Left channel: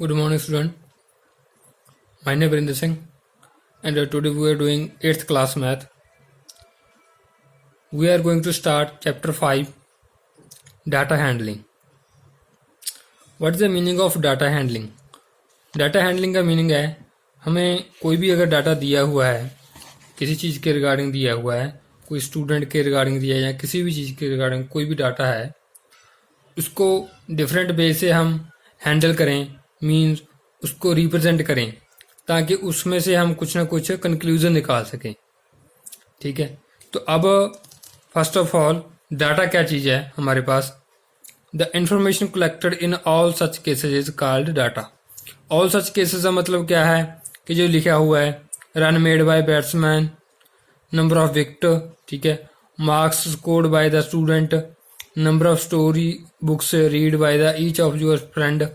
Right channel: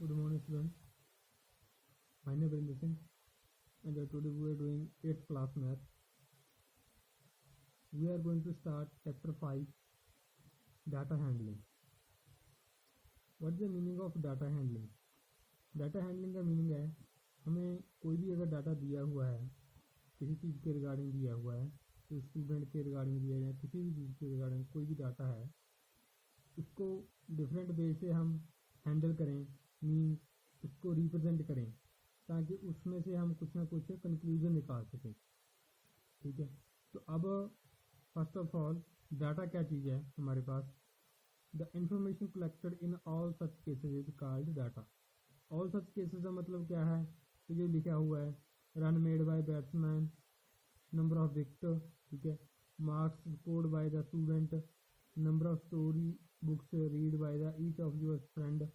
Good morning, student. My name is Vrinder Singh, and today we are doing 8th class math. We are going to start chapter 5, data handling. What is the meaning of data handling? Data handling का meaning है हमें कोई भी अगर data दिया हुआ है, किसी चीज़ के रिगार्डिंग दिया हुआ है, कोई स्टूडेंट के रिगार्डिंग दिया है या किसी भी चीज़ के रिगार्डिंग कोई भी डाटा है, उसको डिफरेंट वे से हम हैंडल करें, मीन्स उसको रिप्रेजेंट करें ताकि उसमें से हम कुछ ना कुछ कंक्लूजन निकाल सकें। ठीक है, तो अब फर्स्ट ऑफ ऑल डाटा क्या चीज़ है हमारे पास? The information collected in all such cases is called data. All such cases का मतलब क्या है कि जो लिखा हुआ है run made by batsman, number of wicket, ठीक है, marks scored by the student, number of story books read by the each of your friend,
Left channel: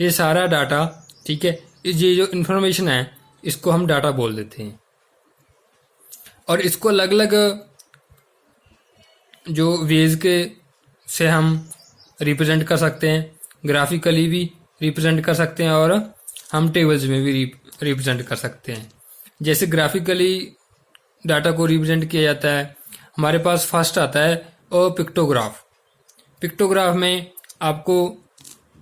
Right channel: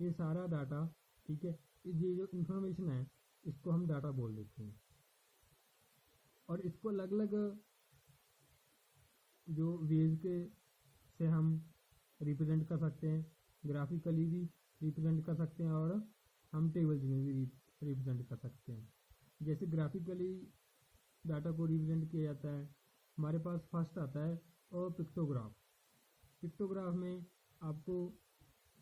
ये सारा डाटा, ठीक है, ये जो इन्फॉर्मेशन है इसको हम डाटा बोल देते हैं। और इसको अलग अलग जो वेज के से हम रिप्रेजेंट कर सकते हैं, ग्राफिकली भी रिप्रेजेंट कर सकते हैं और हम टेबल्स में भी रिप्रेजेंट कर सकते हैं। जैसे ग्राफिकली डाटा को रिप्रेजेंट किया जाता है, हमारे पास फर्स्ट आता है पिक्टोग्राफ। पिक्टोग्राफ में आपको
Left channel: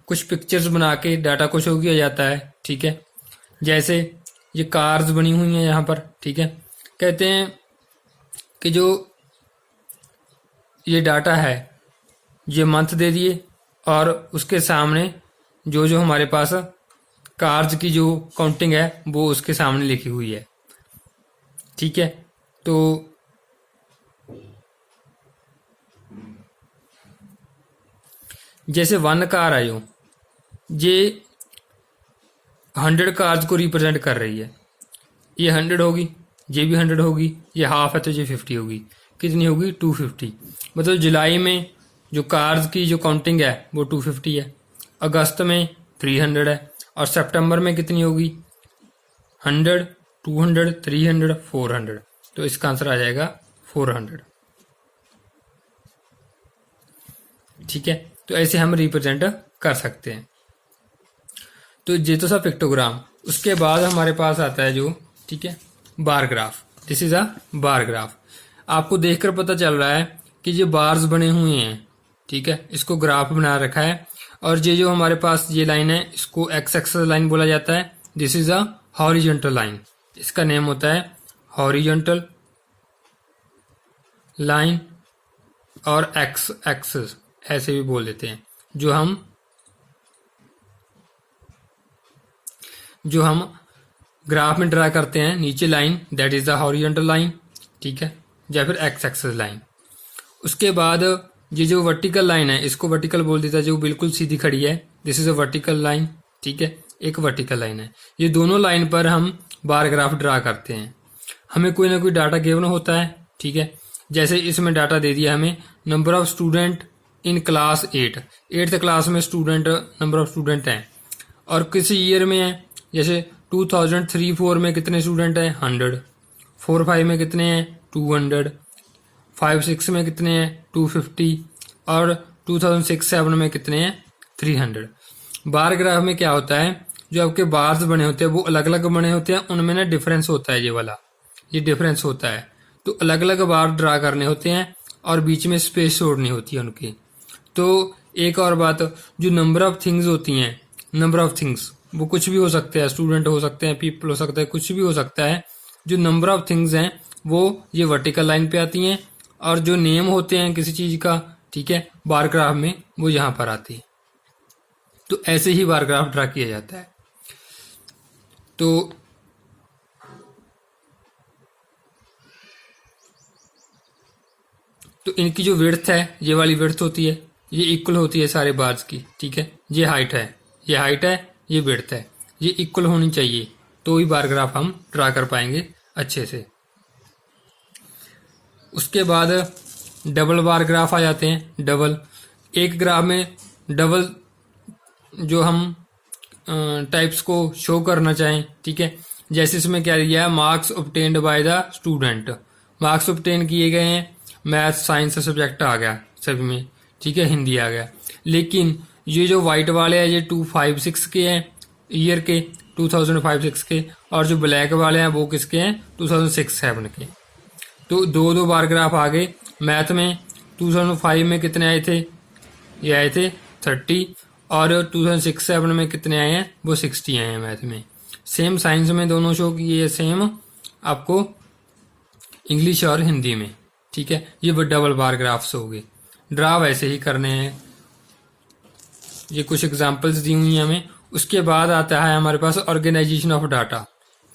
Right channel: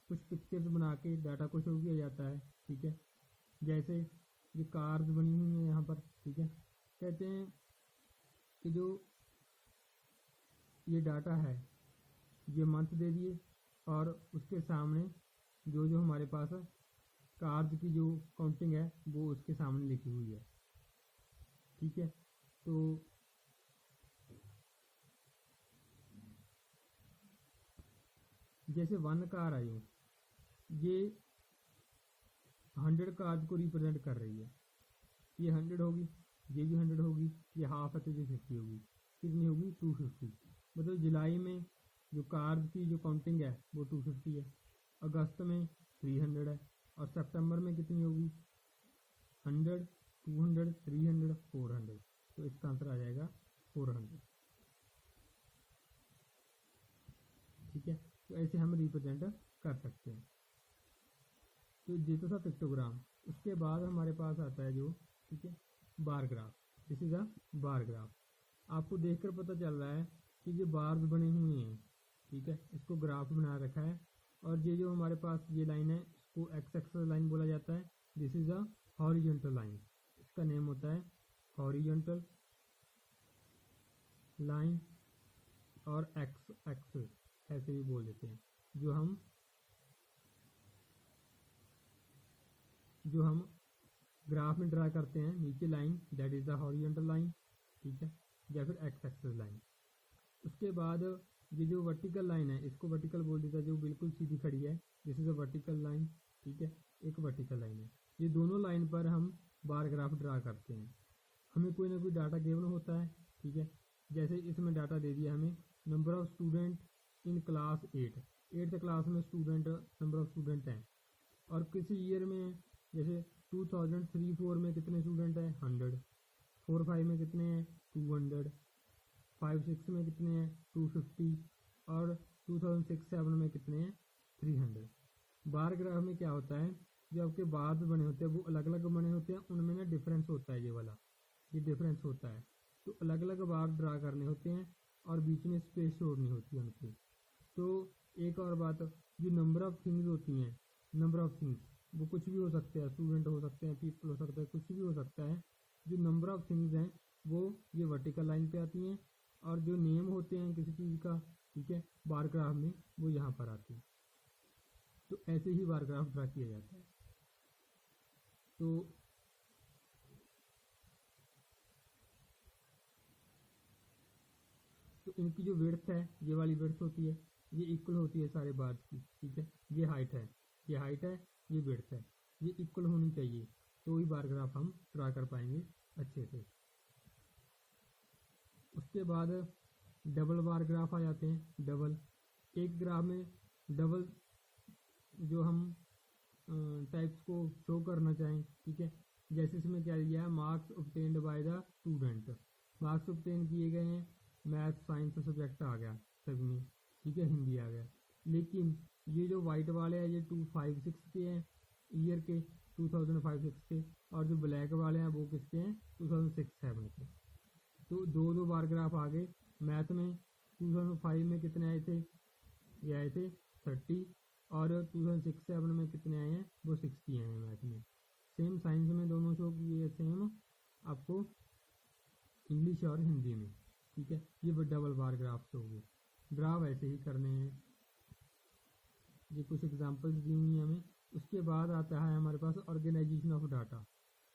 कुछ पिक्चर्स बना के डाटा को शो किया जाता है, ठीक है। जैसे ये कार्स बनी हुई हैं यहाँ पर, ठीक है। कहते हैं कि जो ये डाटा है ये मंथ दे दिए और उसके सामने जो जो हमारे पास कार्स की जो काउंटिंग है वो उसके सामने लिखी हुई है, ठीक है। तो जैसे 1 कार आयो, ये 100 कार्स को रिप्रेजेंट कर रही है। ये 100 होगी, ये भी 100 होगी, ये हाफ है तो ये 50 होगी। कितनी होगी? 250। मतलब जुलाई में जो कार्स की जो काउंटिंग है वो 250 है, अगस्त में 300 है और सितंबर में कितनी होगी? 100, 200, 300, 400। तो इसका आंसर आ जाएगा 400, ठीक है। तो ऐसे हम रिप्रेजेंट कर सकते हैं। तो ये तो सा पिक्टोग्राम। उसके बाद हमारे पास आता है जो, ठीक है, bar graph. This is a bar graph. आपको देखकर पता चल रहा है कि ये बार्स बने हुए हैं, ठीक है, इसको ग्राफ बना रखा है। और ये जो हमारे पास ये लाइन है इसको एक्स एक्सेस लाइन बोला जाता है। This is a horizontal line. इसका नेम होता है हॉरिजॉन्टल लाइन और एक्स एक्सेस ऐसे भी बोल देते हैं। जो हम ग्राफ में ड्रा करते हैं नीचे line, that is the horizontal line, ठीक है, या फिर एक्स एक्सेस लाइन। उसके बाद ये जो वर्टिकल लाइन है इसको वर्टिकल बोल देता है, जो बिल्कुल सीधी खड़ी है। This is a vertical line, ठीक है, एक वर्टिकल लाइन है। ये दोनों लाइन पर हम बार ग्राफ ड्रा करते हैं। हमें कोई ना कोई डाटा गिवन होता है, ठीक है। जैसे इसमें डाटा दे दिया हमें, number of student in class 8th class में स्टूडेंट, नंबर ऑफ स्टूडेंट हैं और किसी ईयर में है। जैसे 2003-4 में कितने स्टूडेंट हैं? 100। 4-5 में कितने हैं? 200। 5-6 में कितने हैं? 250। और 2006-7 में कितने हैं? 300। बार ग्राफ में क्या होता है, जो आपके बार्स बने होते हैं वो अलग अलग बने होते हैं, उनमें ना डिफरेंस होता है, ये वाला ये डिफरेंस होता है। तो अलग अलग बार ड्रा करने होते हैं और बीच में स्पेस छोड़नी होती है उनकी। तो एक और बात, जो नंबर ऑफ थिंग्स होती हैं, नंबर ऑफ थिंग्स वो कुछ भी हो सकते हैं, स्टूडेंट हो सकते हैं, पीपल हो सकते हैं, कुछ भी हो सकता है। जो नंबर ऑफ थिंग्स हैं वो ये वर्टिकल लाइन पे आती हैं और जो नेम होते हैं किसी चीज का, ठीक है, बार ग्राफ में वो यहाँ पर आती है। तो ऐसे ही बार ग्राफ ड्रा किया जाता है। तो इनकी जो विड्थ है, ये वाली विड्थ होती है, ये इक्वल होती है सारे बार्स की, ठीक है। ये हाइट है, ये हाइट है, ये विड्थ है, ये इक्वल होनी चाहिए तो ही बार ग्राफ हम ड्रा कर पाएंगे अच्छे से। उसके बाद डबल बार ग्राफ आ जाते हैं। डबल, एक ग्राफ में डबल जो हम टाइप्स को शो करना चाहें, ठीक है। जैसे इसमें क्या दिया है, marks obtained by the student. Marks obtain किए गए हैं, मैथ साइंस सब्जेक्ट आ गया सभी में, ठीक है, हिंदी आ गया। लेकिन ये जो वाइट वाले हैं ये 256 के हैं, ईयर के 2005-6 के, और जो ब्लैक वाले हैं वो किसके हैं 2006-7 के। तो दो बार ग्राफ आ गए। मैथ में 2005 में कितने आए थे, ये आए थे 30, और 2006-7 में कितने आए हैं, वो 60 आए हैं मैथ में। सेम साइंस में दोनों शो किए, सेम आपको इंग्लिश और हिंदी में। ठीक है, ये वो डबल बार ग्राफ्स हो गए। ड्रा वैसे ही करने हैं, ये कुछ एग्जांपल्स दी हुई हैं हमें। उसके बाद आता है हमारे पास ऑर्गेनाइजेशन ऑफ डाटा।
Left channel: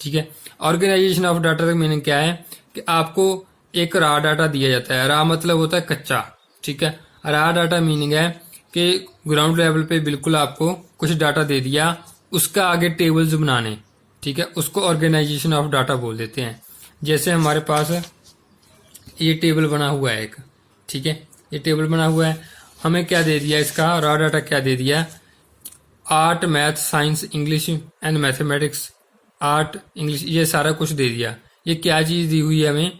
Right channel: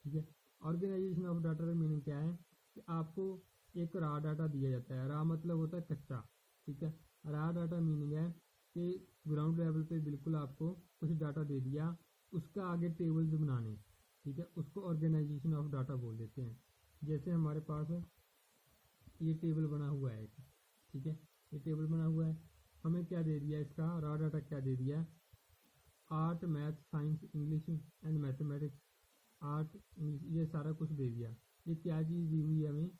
ठीक है, ऑर्गेनाइजेशन ऑफ डाटा का मीनिंग क्या है कि आपको एक रा डाटा दिया जाता है। रा मतलब होता है कच्चा। ठीक है, रा डाटा मीनिंग है कि ग्राउंड लेवल पे बिल्कुल आपको कुछ डाटा दे दिया, उसका आगे टेबल्स बनाने। ठीक है, उसको ऑर्गेनाइजेशन ऑफ डाटा बोल देते हैं। जैसे हमारे पास ये टेबल बना हुआ है एक। ठीक है, ये टेबल बना हुआ है, हमें क्या दे दिया, इसका रॉ डाटा क्या दे दिया, art, math, science, English and mathematics, art, English, ये सारा कुछ दे दिया। ये क्या चीज़ दी हुई है हमें,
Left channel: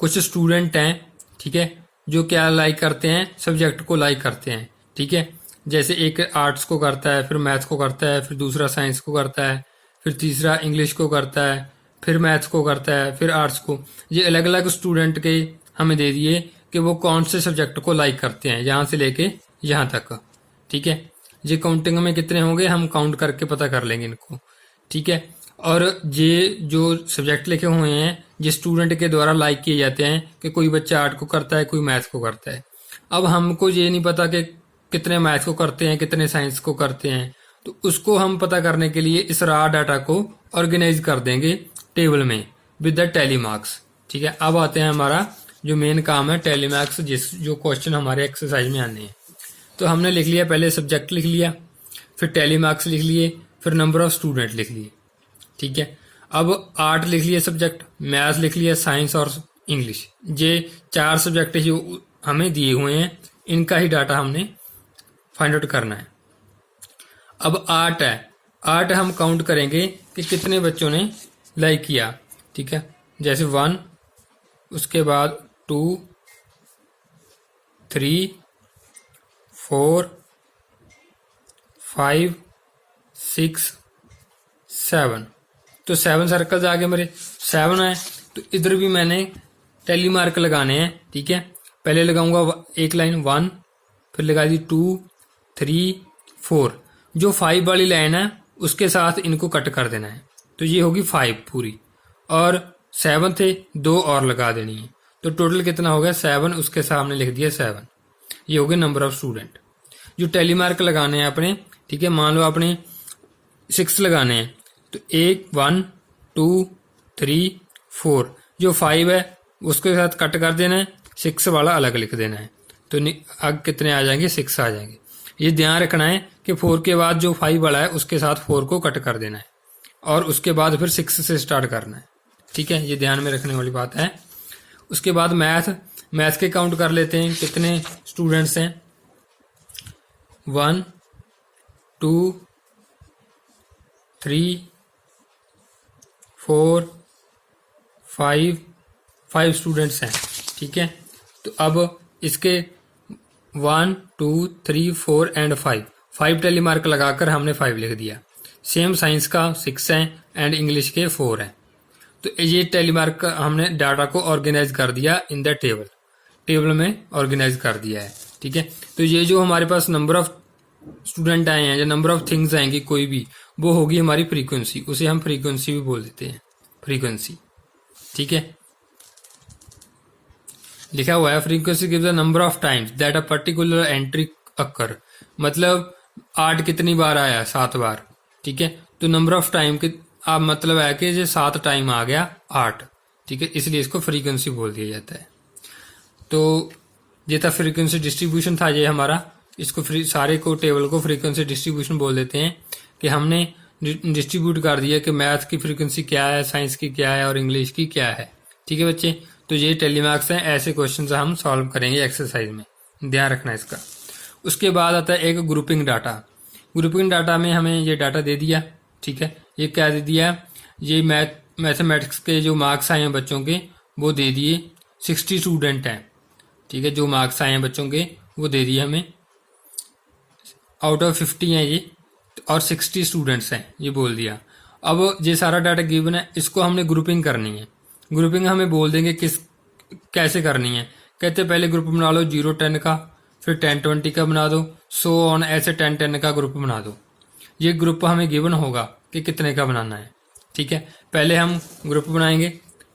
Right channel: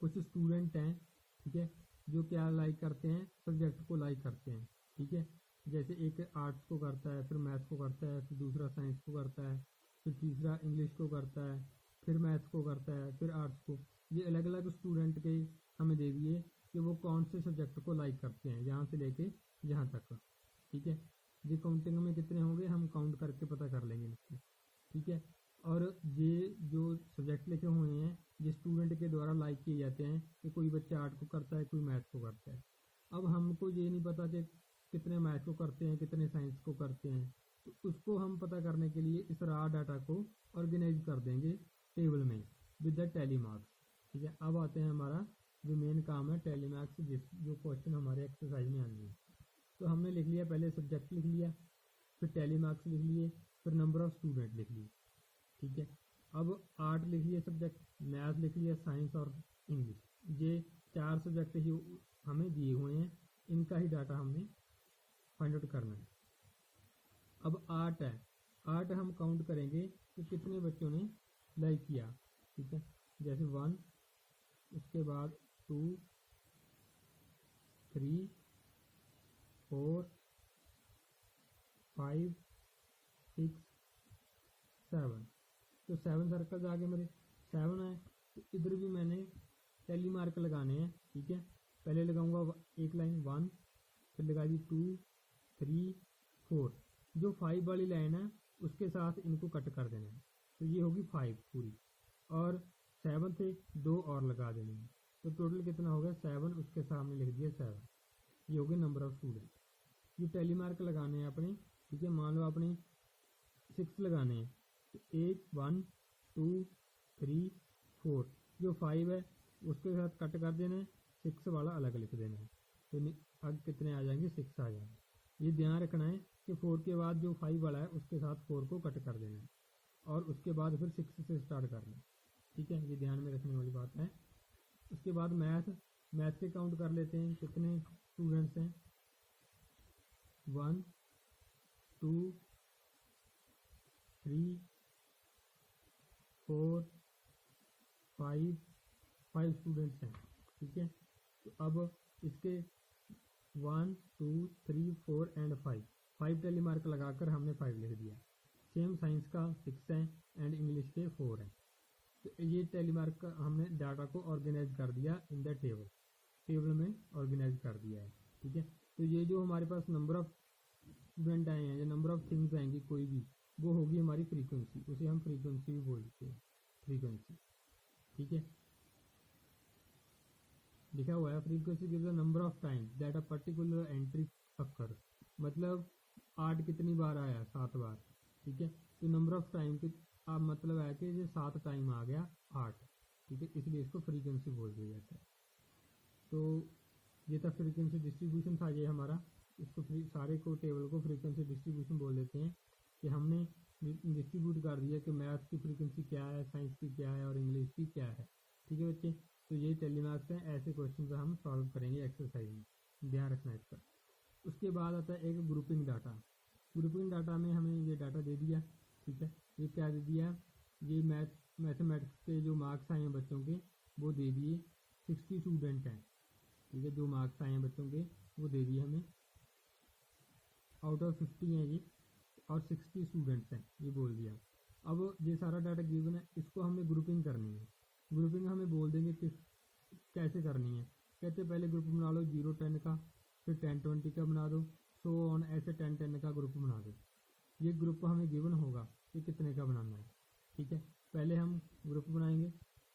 कुछ स्टूडेंट हैं, ठीक है, जो क्या लाइक करते हैं, सब्जेक्ट को लाइक करते हैं। ठीक है, जैसे एक आर्ट्स को करता है, फिर मैथ्स को करता है, फिर दूसरा साइंस को करता है, फिर तीसरा इंग्लिश को करता है, फिर मैथ्स को करता है, फिर आर्ट्स को। ये अलग अलग स्टूडेंट के हमें दे दिए कि वो कौन से सब्जेक्ट को लाइक करते हैं, यहाँ से लेके यहाँ तक। ठीक है, ये काउंटिंग में कितने होंगे हम काउंट करके पता कर लेंगे इनको। ठीक है, और ये जो सब्जेक्ट लिखे हुए हैं ये स्टूडेंट के द्वारा लाइक किए जाते हैं कि कोई बच्चा आर्ट को करता है, कोई मैथ्स को करता है। अब हमको ये नहीं पता कि कितने मैथ्स को करते हैं, कितने साइंस को करते हैं, तो उसको हम पता करने के लिए इस रॉ डाटा को ऑर्गेनाइज कर देंगे टेबल में विद द टैली मार्क्स। ठीक है, अब आते हैं हमारा जो मेन काम है टैली मार्क्स, जो क्वेश्चन हमारे एक्सरसाइज में आने हैं। तो हमने लिख लिया, पहले सब्जेक्ट लिख लिया, फिर टैली मार्क्स लिख लिए, फिर नंबर ऑफ स्टूडेंट लिख लिए। ठीक है, अब आर्ट लिख लिया सब्जेक्ट, मैथ्स लिख लिया, साइंस और इंग्लिश। ये 4 सब्जेक्ट जो हमें दिए हुए हैं इनका ही डाटा हमने फाइंड आउट करना है। अब आर्ट है, आर्ट हम काउंट करेंगे कि कितने बच्चों ने लाइक किया। ठीक है, जैसे 1, उसके बाद 2, 3, 4, 5, 6, 7। तो 7 सर्कल्स आ गए मेरे, 7 है तो इधर भी मैंने टैली मार्क लगाने हैं। ठीक है, पहले लगाऊंगा एक लाइन 1, फिर लगा दी 2, 3, 4। जो 5 वाली लाइन है उसके साथ इनको कट कर देना है, तो ये होगी 5 पूरी, और 7 थे 2 और लगा देनी है। तो टोटल कितना हो गया 7, उसके सामने लिख दिया 7। ये हो गए नंबर ऑफ स्टूडेंट जो टैली मार्क लगाने हैं अपने। ठीक है, मान लो आपने 6 लगाने हैं, तो 1, 2, 3, 4। जो 5 है उसके साथ कट कर देना है, 6 वाला अलग लिख देना है, तो अब कितने आ जाएंगे 6 आ जाएंगे। ये ध्यान रखना है कि 4 के बाद जो 5 वाला है उसके साथ 4 को कट कर देना है, और उसके बाद फिर 6 से स्टार्ट करना है। ठीक है, ये ध्यान में रखने वाली बात है। उसके बाद मैथ के काउंट कर लेते हैं, कितने स्टूडेंट्स हैं। 1, 2, 3, 4, 5 स्टूडेंट्स हैं। ठीक है, तो अब इसके 1, 2, 3, 4 एंड 5 टैली मार्क लगाकर हमने 5 लिख दिया। सेम साइंस का 6 है एंड इंग्लिश के 4 है। तो ये टैली मार्क हमने डाटा को ऑर्गेनाइज कर दिया इन द टेबल में ऑर्गेनाइज कर दिया है। ठीक है, तो ये जो हमारे पास नंबर ऑफ स्टूडेंट आए हैं या नंबर ऑफ थिंग्स आएंगी कोई भी, वो होगी हमारी फ्रीक्वेंसी, उसे हम फ्रीक्वेंसी भी बोल देते हैं, फ्रीक्वेंसी। ठीक है, लिखा हुआ है frequency gives the number of times that a particular entry occur. मतलब 8 कितनी बार आया, 7 बार। ठीक है, तो नंबर ऑफ टाइम के आप मतलब है कि ये 7 टाइम आ गया 8। ठीक है, इसलिए इसको फ्रीक्वेंसी बोल दिया जाता है। तो ये था फ्रीक्वेंसी डिस्ट्रीब्यूशन था ये हमारा। इसको सारे को टेबल को फ्रीक्वेंसी डिस्ट्रीब्यूशन बोल देते हैं कि हमने डिस्ट्रीब्यूट कर दिया कि मैथ की फ्रीक्वेंसी क्या है, साइंस की क्या है और इंग्लिश की क्या है। ठीक है बच्चे, तो ये टैली मार्क्स हैं, ऐसे क्वेश्चन हम सॉल्व करेंगे एक्सरसाइज में, ध्यान रखना इसका। उसके बाद आता है एक ग्रुपिंग डाटा। ग्रुपिंग डाटा में हमें ये डाटा दे दिया। ठीक है, ये क्या दे दिया, ये मैथमेटिक्स के जो मार्क्स आए हैं बच्चों के वो दे दिए, 60 स्टूडेंट हैं। ठीक है, जो मार्क्स आए हैं बच्चों के वो दे दिए हमें, आउट ऑफ 50 हैं ये। और 60 स्टूडेंट्स हैं, ये बोल दिया। अब ये सारा डाटा गिवन है, इसको हमने ग्रुपिंग करनी है। ग्रुपिंग हमें बोल देंगे किस कैसे करनी है। कहते पहले ग्रुप बना लो 0-10 का, फिर 10-20 का बना दो, सो ऑन, ऐसे 10-10 का ग्रुप बना दो। ये ग्रुप हमें गिवन होगा कि कितने का बनाना है। ठीक है, पहले हम ग्रुप बनाएंगे।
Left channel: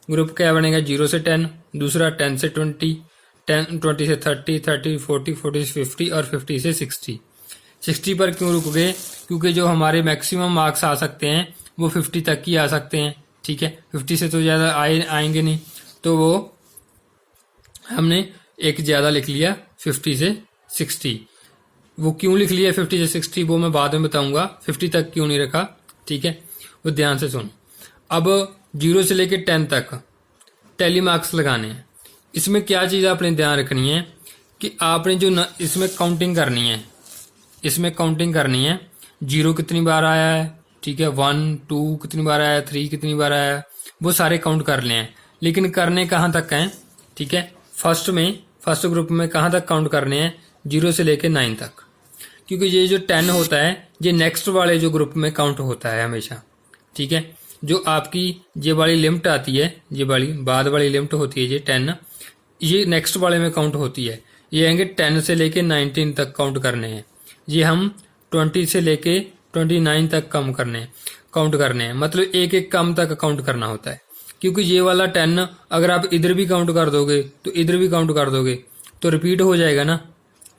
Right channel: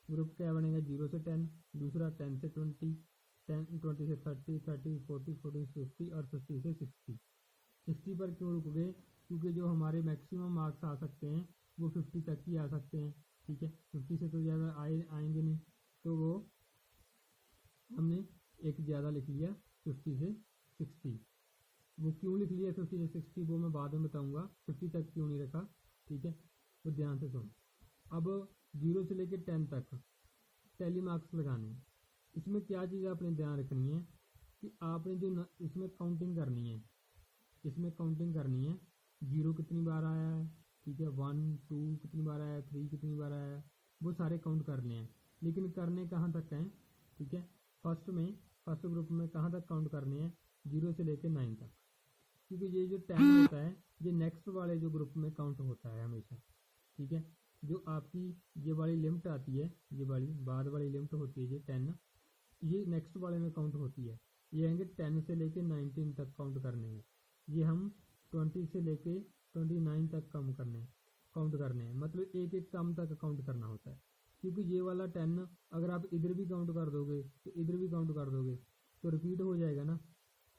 ग्रुप क्या बनेगा? 0 से 10, दूसरा 10 से 20, 20 से 30, 30 40, 40 से 50 और 50 से 60। 60 पर क्यों रुक गए? क्योंकि जो हमारे मैक्सिमम मार्क्स आ सकते हैं वो 50 तक ही आ सकते हैं। ठीक है, 50 से तो ज़्यादा आएंगे नहीं, तो वो हमने एक ज़्यादा लिख लिया 50 से 60। वो क्यों लिख लिया 50 से 60 वो मैं बाद में बताऊंगा। 50 तक क्यों नहीं रखा, ठीक है, वो ध्यान से सुन। अब 0 से लेकर 10 तक टैली मार्क्स लगाने हैं। इसमें क्या चीज़ आपने ध्यान रखनी है कि आपने जो इसमें काउंटिंग करनी है, इसमें काउंटिंग करनी है। 0 कितनी बार आया है, ठीक है, 1 2 कितनी बार आया, 3 कितनी बार आया, वो सारे काउंट कर लें। लेकिन करने कहाँ तक हैं? ठीक है, फर्स्ट ग्रुप में कहाँ तक काउंट करने हैं? 0 से लेके 9 तक। क्योंकि ये जो 10 होता है ये नेक्स्ट वाले जो ग्रुप में काउंट होता है हमेशा। ठीक है, जो आपकी ये वाली लिमिट आती है, ये वाली बाद वाली लिमिट होती है, ये 10, ये नेक्स्ट वाले में काउंट होती है। ये आएंगे 10 से लेके 19 तक काउंट करने हैं। ये हम 20 से लेके 29 तक काउंट करने हैं। मतलब एक एक कम तक काउंट करना होता है। क्योंकि ये वाला 10 अगर आप इधर भी काउंट कर दोगे तो इधर भी काउंट कर दोगे तो रिपीट हो जाएगा ना।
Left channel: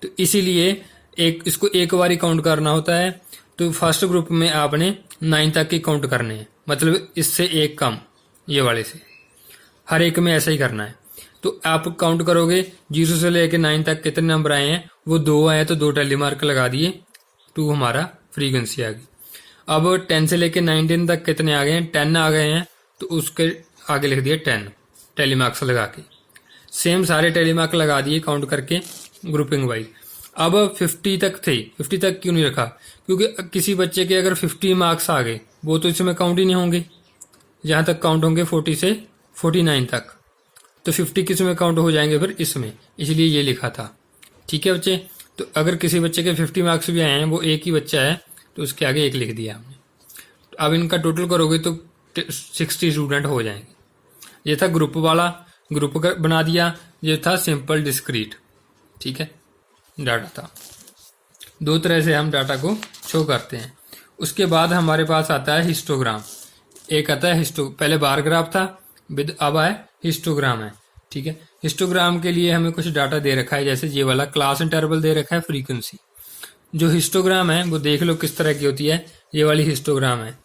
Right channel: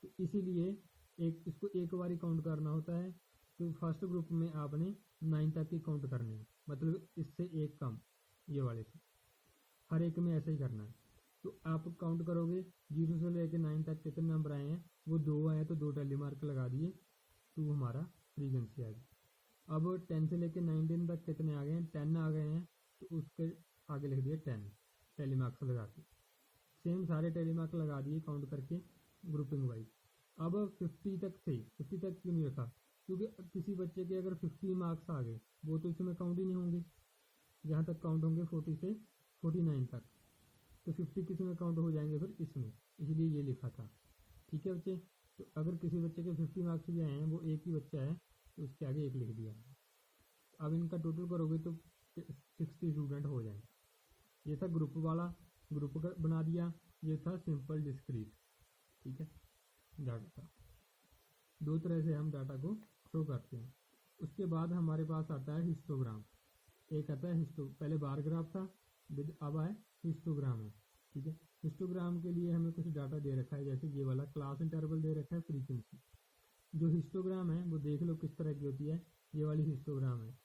तो इसीलिए इसको एक बार ही काउंट करना होता है। तो फर्स्ट ग्रुप में आपने 9 तक ही काउंट करने हैं, मतलब इससे एक कम, ये वाले से हर एक में ऐसा ही करना है। तो आप काउंट करोगे 0 से लेकर 9 तक कितने नंबर आए हैं, वो 2 आए तो 2 टैली मार्क लगा दिए, 2 हमारा फ्रीक्वेंसी आ गई। अब 10 से लेकर 19 तक कितने आ गए हैं? 10 आ गए हैं, तो उसके आगे लिख दिया 10 टैली मार्क्स लगा के। सेम सारे टैली मार्क लगा दिए काउंट करके ग्रुपिंग वाइज। अब 50 तक थे, 50 तक क्यों नहीं रखा? क्योंकि किसी बच्चे के अगर 50 मार्क्स आ गए वो तो इसमें काउंट ही नहीं होंगे। जहाँ तक काउंट होंगे 40 से 49 तक, तो 50 किस में काउंट हो जाएंगे फिर? इसमें, इसलिए ये लिखा था। ठीक है बच्चे, तो अगर किसी बच्चे के 50 मार्क्स भी आए हैं, वो एक ही बच्चा है, तो उसके आगे 1 लिख दिया हमने। तो अब इनका टोटल करोगे तो 60 स्टूडेंट हो जाएंगे। ये था ग्रुप वाला, ग्रुप बना दिया। ये था सिंपल डिस्क्रीट, ठीक है, डाटा था। 2 तरह से हम डाटा को शो करते हैं। उसके बाद हमारे पास आता है हिस्टोग्राम। एक आता है पहले बार ग्राफ था, अब है हिस्टोग्राम है। ठीक है, हिस्टोग्राम के लिए हमें कुछ डाटा दे रखा है, जैसे ये वाला क्लास इंटरवल दे रखा है, फ्रीक्वेंसी। जो हिस्टोग्राम है वो देख लो किस तरह की होती है। ये वाली हिस्टोग्राम है।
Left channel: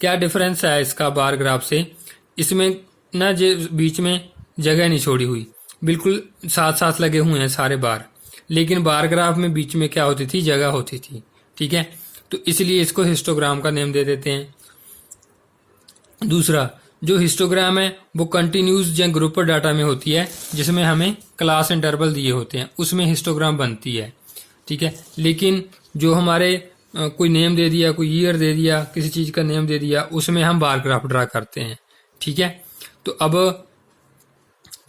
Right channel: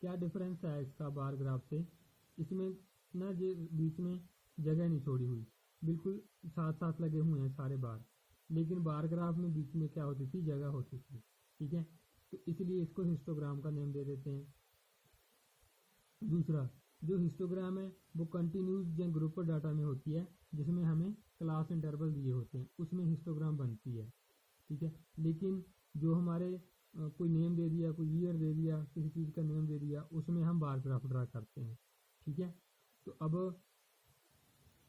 क्या डिफरेंस है इसका बार ग्राफ से? इसमें ना जो बीच में जगह नहीं छोड़ी हुई, बिल्कुल साथ साथ लगे हुए हैं सारे बार। लेकिन बार ग्राफ में बीच में क्या होती थी? जगह होती थी। ठीक है, तो इसलिए इसको हिस्टोग्राम का नेम दे देते हैं। दूसरा, जो हिस्टोग्राम है वो कंटिन्यूस या ग्रुप डाटा में होती है, जिसमें हमें क्लास इंटरवल दिए होते हैं, उसमें हिस्टोग्राम बनती है। ठीक है, लेकिन जो हमारे कोई नेम दे दिया, कोई ईयर दे दिया, किसी चीज़ का नेम दे दिया, उसमें हम बार ग्राफ ड्रा करते हैं। ठीक है, तो अब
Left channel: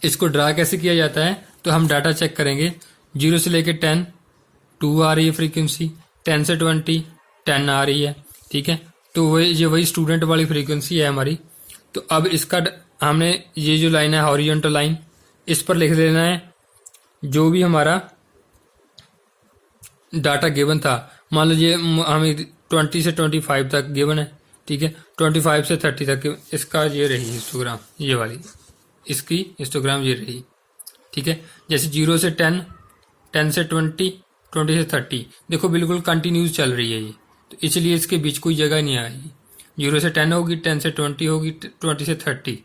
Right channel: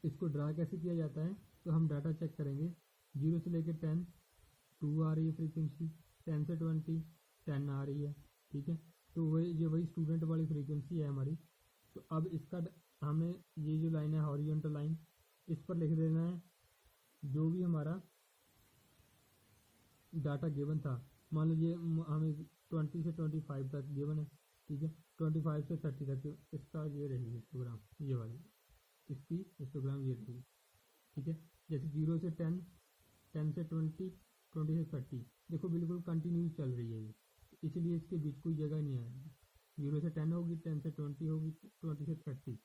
इसको ड्रा कैसे किया जाता है? तो हम डाटा चेक करेंगे। 0 से लेकर 10 2 आ रही है फ्रीक्वेंसी, 10 से 20 10 आ रही है। ठीक है, तो वही स्टूडेंट वाली फ्रीक्वेंसी है हमारी। तो अब इसका हमने ये जो लाइन है हॉरिजॉन्टल लाइन, इस पर लिख देना है जो भी हमारा डाटा गिवन था। मान लीजिए हमें 20 से 25 तक गिवन है। ठीक है, 25 से 30 तक इसका ये रही हिस्टोग्राम, ये वाली इसकी हिस्टोग्राम ये रही। ठीक है, जैसे 0 से 10 10 से 20 20 से 30, देखो बिल्कुल कंटिन्यूस चल रही है ये, तो इसलिए इसके बीच कोई जगह नहीं आएगी। 0 से 10 होगी, 10 से 20 होगी, 20 से 30,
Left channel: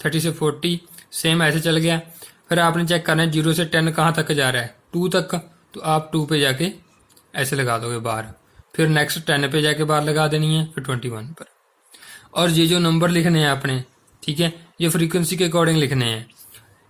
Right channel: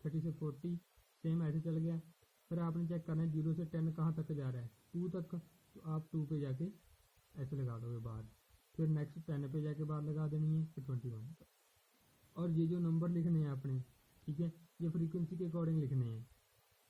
30 से 40, सेम ऐसे चल गया। फिर आपने चेक करना है 0 से 10 कहाँ तक जा रहा है? 2 तक, तो आप 2 पे जाके ऐसे लगा दोगे बार। फिर नेक्स्ट 10 पे जाके बार लगा देनी है, फिर 21 पर। और ये जो नंबर लिखने हैं आपने, ठीक है, ये फ्रीक्वेंसी के अकॉर्डिंग लिखने हैं।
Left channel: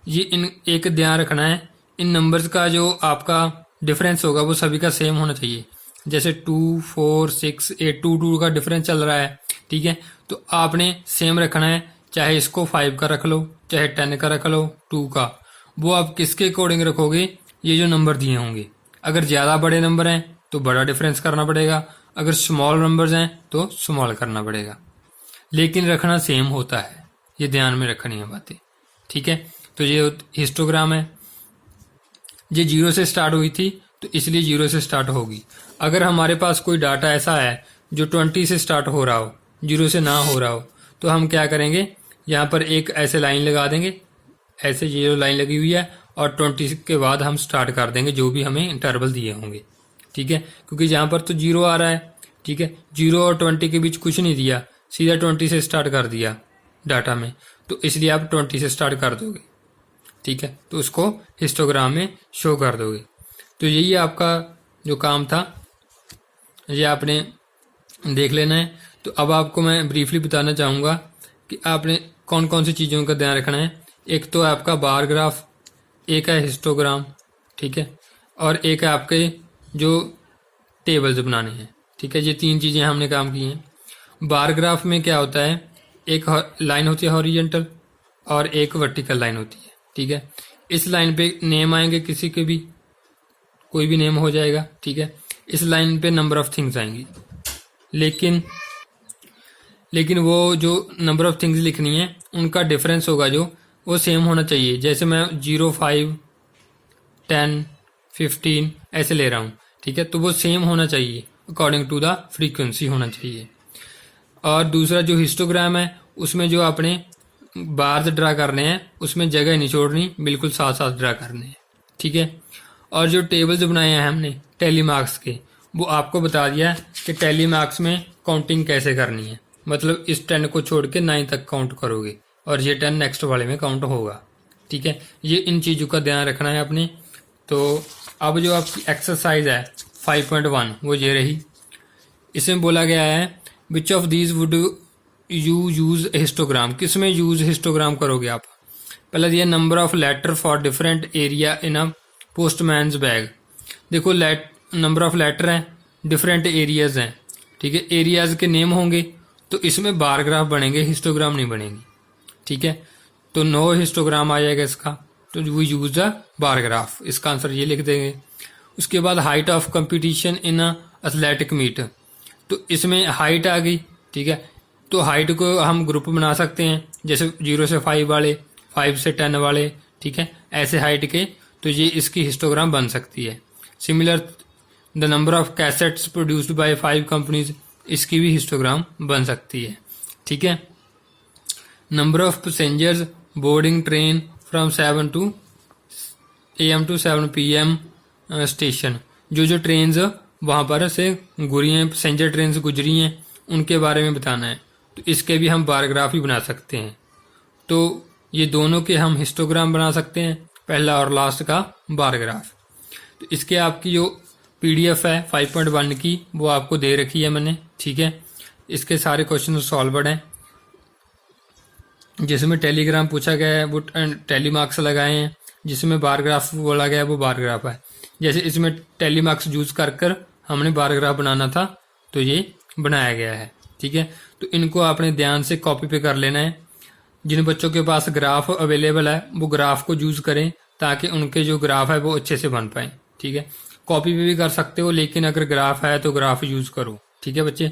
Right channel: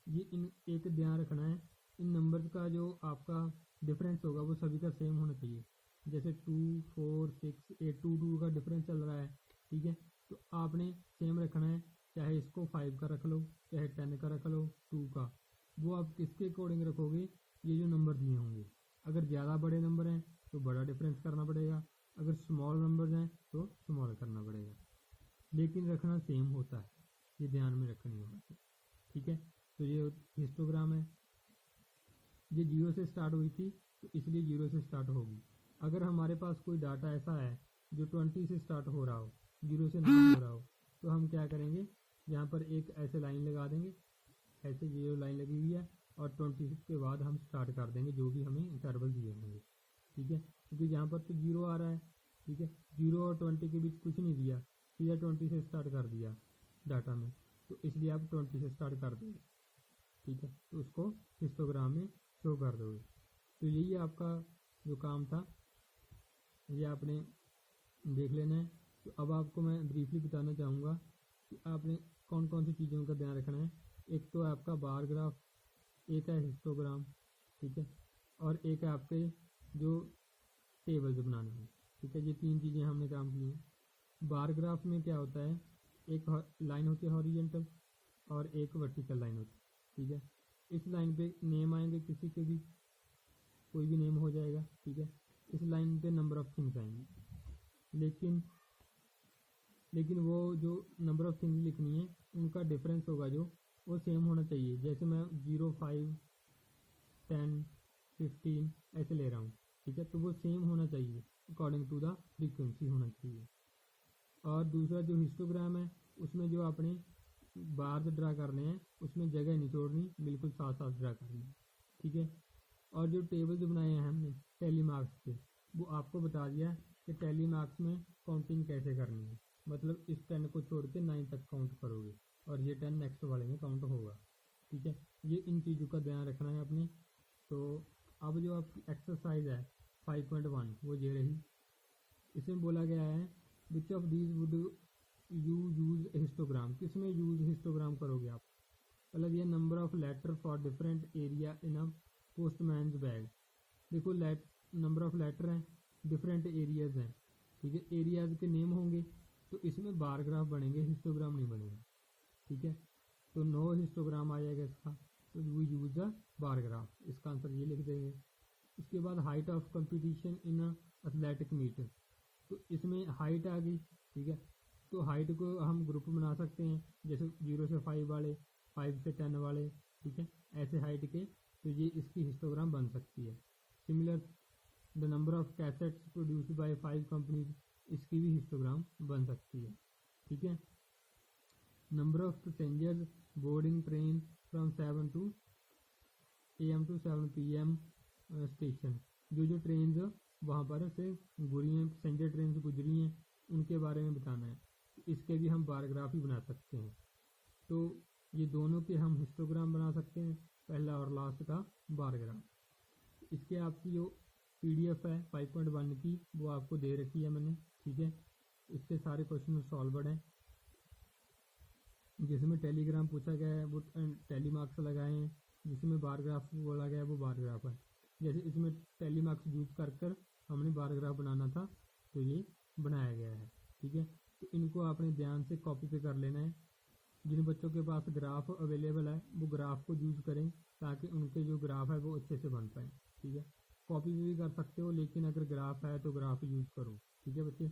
ये इन एक ध्यान रखना है, इन नंबर्स का जो आपका डिफरेंस होगा वो सभी का सेम होना चाहिए। जैसे 2 4 6 8 2 का डिफरेंस चल रहा है। ठीक है, तो आपने सेम रखना है, चाहे इसको 5 का रख लो, चाहे 10 का रख लो, 2 का। वो आप किसके अकॉर्डिंग रखोगे? ये जो नंबर दिए होंगे। अगर ज़्यादा बड़े नंबर हैं तो बड़ा डिफरेंस करना पड़ेगा, अगर स्मॉल नंबर्स हैं तो स्मॉल करना पड़ेगा, लेकिन रखना सेम होता है, ये ध्यान में रखनी है बातें, ठीक है। तो ये हिस्टोग्राम है, ये 0 से स्टार्ट हुई थी तो इसलिए 0 से स्टार्ट होगी। अगर हमारे पास कोई डाटा ऐसा है जो 20 से स्टार्ट हो रहा हो, 0 से ना हो रहा हो, तो हम क्या करेंगे, यहाँ पर एक ऐसे लाइन लगा देंगे, ऐसे 0 लाइन लगी हुई है, और 20 के बाद हम स्टार्ट कर देंगे जो भी हमें इंटरवल दिए होंगे, ठीक है। क्योंकि यहाँ पर तो 0 आ रहा है, ठीक है, 0 और 20 के बीच कुछ नहीं दिया, सीधा 20 से स्टार्ट कर दिया डाटा में, तो इसलिए आप 20 से स्टार्ट कर दोगे, ठीक है। तो उसको हिस्टोग्राम में शो कर दोगे। तो यही आपका जो काम था, ये आपने देख लेना है। तो अब आपको मैं ब्रीफली बताना चाहूँगा कि आपने कौन कौन सी चीज़ों का ध्यान रखना है। एक तो है आपका बार ग्राफ, एक है हिस्टोग्राम, ठीक है, और एक है आपके जो टेबल्स बनाने हैं, ठीक है। ये 3 चीज़ें हमने काम की हैं। बार ग्राफ में क्या होता है, एक लाइन होती है हॉरिजेंटल और एक वर्टिकल लाइन होती है, ठीक है। इस लाइन पे नेम आएंगे, किसी के भी कोई भी नेम हो जाएगा, ठीक है। इस लाइन पे नंबर ऑफ थिंग्स आएंगी, लेकिन वो जो नंबर ऑफ थिंग्स लिखनी है उनका डिफरेंस होगा जो, वो सेम होना चाहिए। जैसे मैं 0, 5, 10, 15 ऐसे ले रहा हूँ, ठीक है, तो वो सेम होना चाहिए, अकॉर्डिंग टू द फ्रीक्वेंसी होना चाहिए। और दूसरा जो हिस्टोग्राम है, उसमें जो आपने बार्स ड्रा करने हैं उसमें जगह नहीं छोड़नी, बिल्कुल साथ साथ ड्रा करने हैं, ठीक है। और जो टेबल्स बनाए हैं हमने टैली मार्क्स के, वो आपको बता दिया कि टैली मार्क्स में काउंटिंग कैसे करनी है, मतलब इस 10 को छोड़ के 9 तक काउंट करोगे और ये 10 नेक्स्ट वाले में काउंट होगा, ठीक है। ये इन चीज़ों का ध्यान रखना है अपने। तो अब जो आपकी एक्सरसाइज है 5.1 वो ये रही। इसमें बोला गया है which of these would you use histogram, किस में यूज हिस्टोग्राम करोगे आप। पहला दिया number of letter for different area in a postman's bag. देखो नंबर ऑफ लेटर हैं, डिफरेंट एरियाज हैं, ठीक है, एरियाज के नेम होंगे तो इसमें बार ग्राफ बनेंगे, हिस्टोग्राम नहीं बनेंगे, ठीक है। तो नो हिस्टोग्राम आ जाएगा इसका, तो we use the bar graph, इसका आंसर ये लिख देंगे। उसके बाद height of competition in a athletic meet, तो इसमें हाइट आ गई, ठीक है। तो हाइट को हम ग्रुप बना सकते हैं, जैसे 0 से 5 वाले, 5 से 10 वाले, ठीक है, ऐसे हाइट के, तो ये इसकी हिस्टोग्राम बन सकती है। Similar the number of cassettes produced by 5 companies, इसकी भी हिस्टोग्राम बन सकती है, ठीक है। Number of passengers boarding train from 7 AM to 7 PM station, जो ट्रेन्स वहाँ पर से गुजरी हैं, पैसेंजर ट्रेन गुजरी हैं, उनके बारे में बताना है। तो इसके भी हम बार ग्राफ ही बना सकते हैं। तो ये दोनों के हम हिस्टोग्राम बना सकते हैं, पहला और लास्ट का बार ग्राफ। तो इसके आपकी जो PDF है 5.1 की, वो आपको दे रखी है मैंने, ठीक है। इसके सारे क्वेश्चन सॉल्वर्ड हैं, जिसमें टेलीग्राम पूछा गया है वो टैली मार्क्स लगाए हैं, जिसमें बार ग्राफ बोला गया है वो बार ग्राफ है। जैसे इसमें टैली मार्क्स यूज कर हमने बार ग्राफ बनाना था तो ये बनाया गया है, ठीक है। तो इनको आपने ध्यान से कॉपी पे कर लेना है। जिन बच्चों के पास ग्राफ अवेलेबल है वो ग्राफ को यूज करें, ताकि उनके जो ग्राफ है वो अच्छे से बन पाए, ठीक है। कॉपी पे भी कर सकते हो, लेकिन अगर ग्राफ है तो ग्राफ यूज करो, ठीक है बच्चे।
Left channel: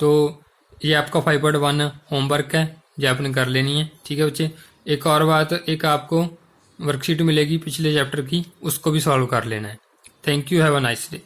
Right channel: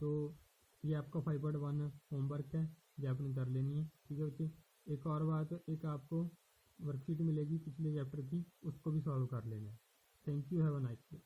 तो ये आपका 5.1 होमवर्क है, ये आपने कर लेनी है, ठीक है बच्चे। एक और बात, एक आपको वर्कशीट मिलेगी पिछले चैप्टर की, उसको भी सॉल्व कर लेना है। Thank you, have a nice day.